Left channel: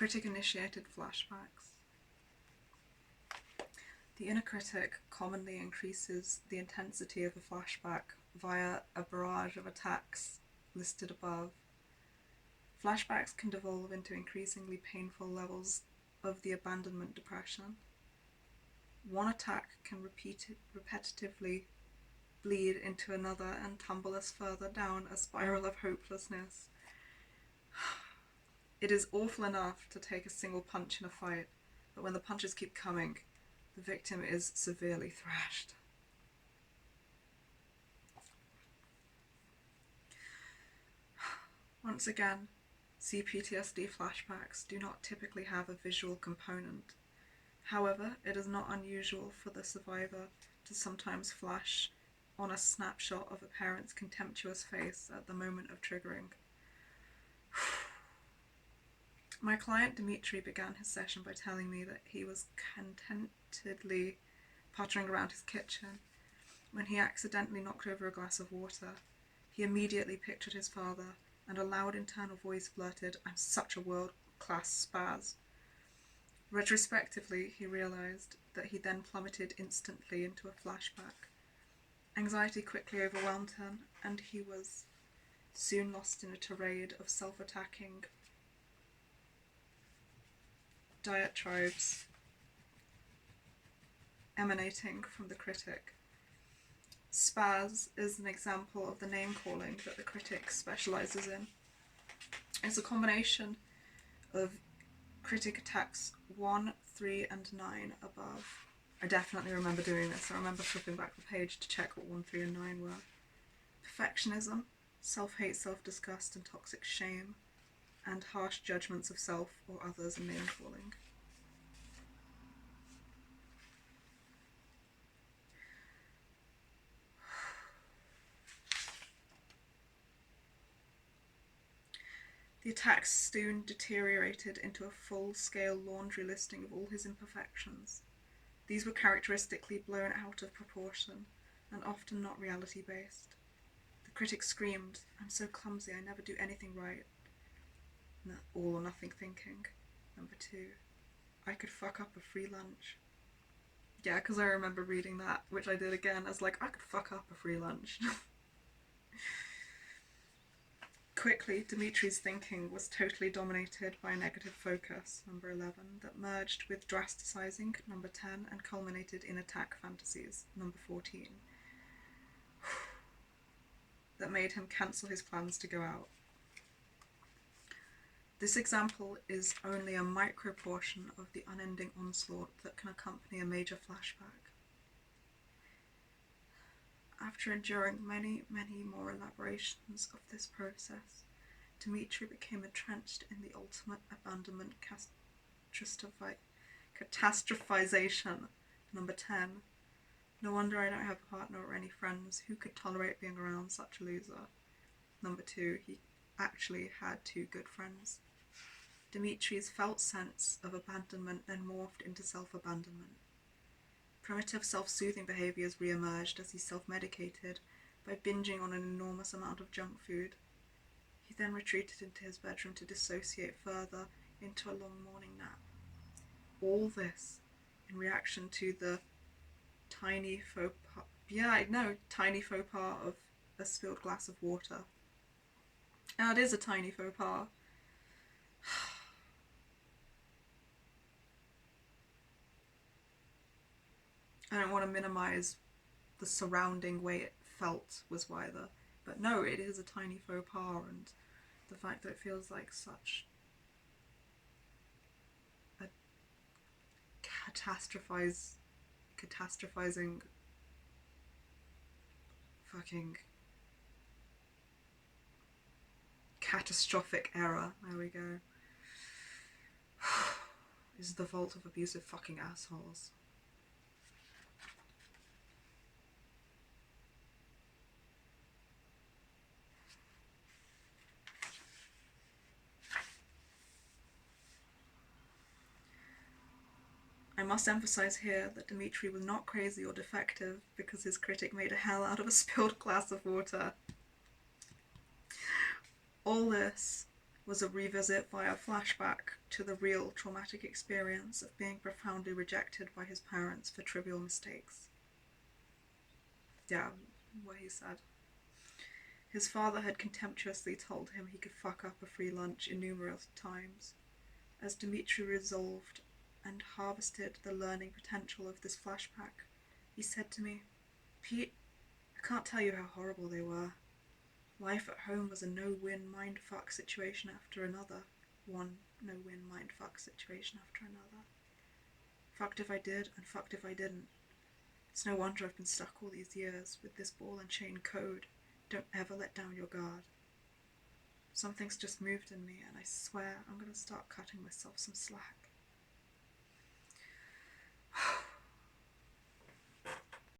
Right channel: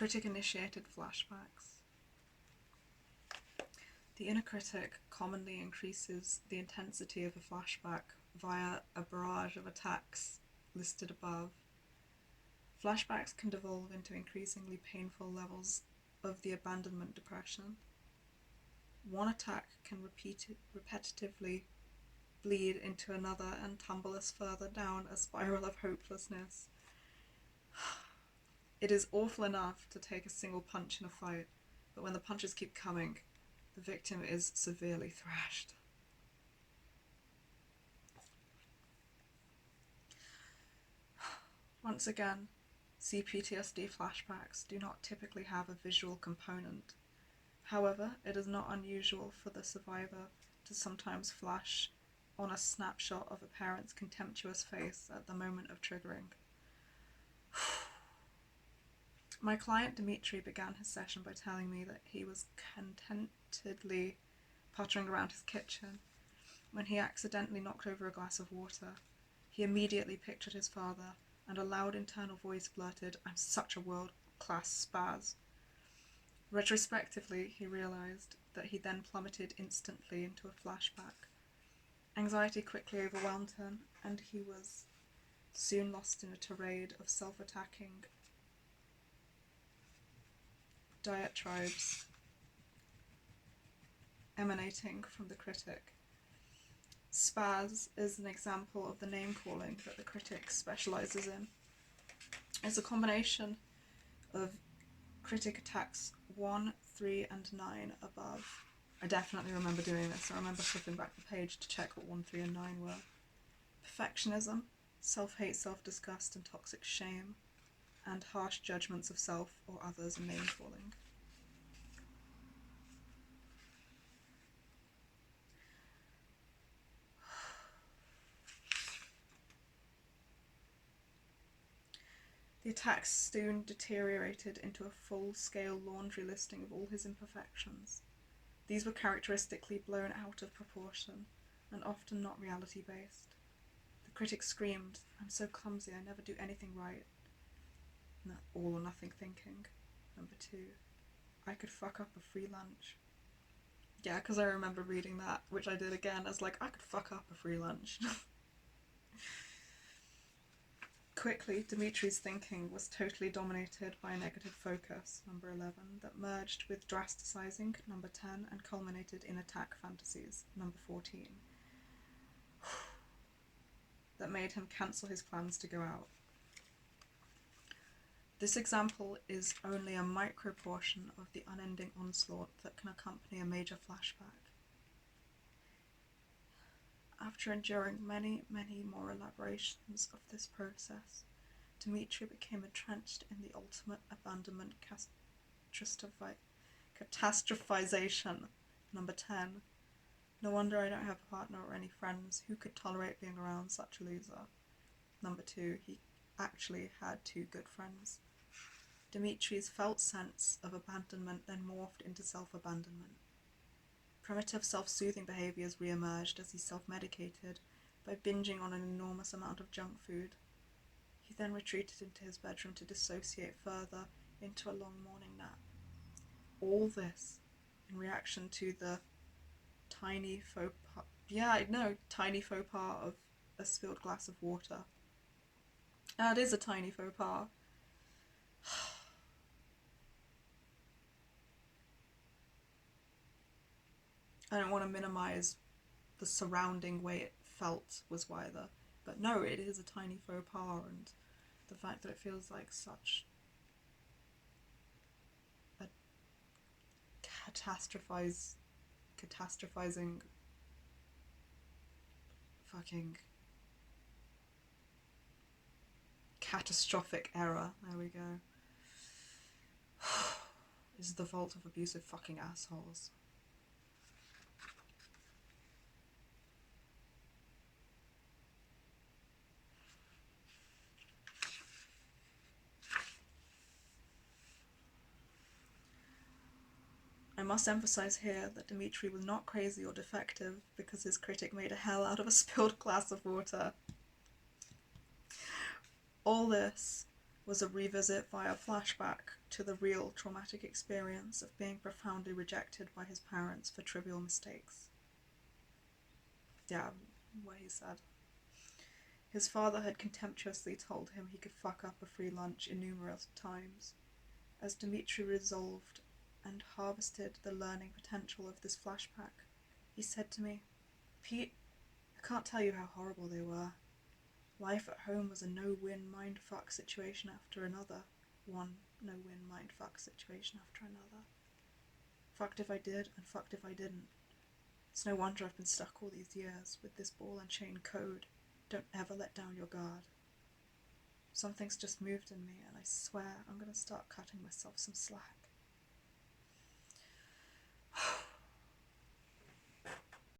Critic-initiated flashbacks. The inner critic commonly increases the intensity of a flashback via a barrage of attacks listed above. Flashbacks can devolve into increasingly painful levels of the abandonment depression. One attack can repetitively bleed into another and tumble us further down a spiral of hopelessness. It is awful enough to take a single punch in a fight, but when the punches keep coming, the victim is severely thrashed. Once again, CPTSD flashbacks do not typically have a visual component. However, it is not unusual for the survivor to sometimes flash on a snapshot of a parent's contemptuous face at the moment of triggering. My client Dimitri began his session by telling me that he was contentedly pottering around his kitchen when he accidentally knocked over a glass of water. He immediately pictured his father, and a loud internal voice blurted, "I'm such a world-class spaz." Retrospectively, he realized that he then plummeted instantly into a flashback. Anxiety quickly overwhelmed him, and he was soon lost in a tirade of self-attacking diatribes emanating from the critic. Spaz is an example of the name-calling that the critic specializes in. It's a combination of critic attacks 1, 3, and 9 above. I definitely remember doing this. I remember flipping back the page to check what 1, 3, and 9 were. Perfectionism, self-hate, self-disgust, and toxic shame, and harsh judgments of self or others and name-calling. The attacks soon deteriorated into a full-scale laundry listing of all his imperfections. These were characteristically blown out of proportion and often not reality-based. The critic screamed, "I'm so clumsy, I never do anything right." All or nothing thinking. Number 2, "I could fuck up a free lunch." Yeah, because I remember reading that, which I did again, as like, I could fuck up a free lunch. Quickly, Dimitri's thinking was totally dominated by a negative focus, number 11, that merged with drasticizing, number 10, and culminated in attack fantasies, number 14, that made him cancel his plans to go out. This example is only a micro portion of the unending onslaught that can accompany a major flashback. After enduring many, many more elaborations of this process, Dimitri became entrenched in the ultimate abandonment catastrophization. Number 10. No wonder I don't have a partner or any friends. Who could tolerate being around such a loser? Number 2. He actually had 2 good friends. Dimitri's felt sense of abandonment then morphed into self-abandonment. Primitive self-soothing behaviours re-emerged as he self-medicated by binging on an enormous amount of junk food. He then retreated into his bedroom to dissociate further into a long morning nap. All this in reaction to the tiny faux pas of a spilled glass of water. Now, it is a tiny faux pas. I don't want to minimize the surrounding way it felt was either, but no, it is a tiny faux pas, and the fact that it feels like such a catastrophizing fucking catastrophic error, there we go, is the fault of abusive fucking assholes. I must emphasize here that Dimitri was not crazy or defective because his critic made a hell out of a spilled glass of water. All this was a revisit via flashback to the real traumatic experience of being profoundly rejected by his parents for trivial mistakes. Yeah, what he said. His father had contemptuously told him he could fuck up a free lunch innumerable times. As Dimitri resolved and harvested the learning potential of this flashback, he said to me, "Pete, I can't tell you how horrible they were. Life at home was a no-win mindfuck situation after another. One no-win mindfuck situation after another. Fucked if I did, and fucked if I didn't. It's no wonder I've been stuck all these years with this ball and chain code. Don't ever let down your guard. Something's just moved in me, and I swear I'm going to start cutting myself some slack."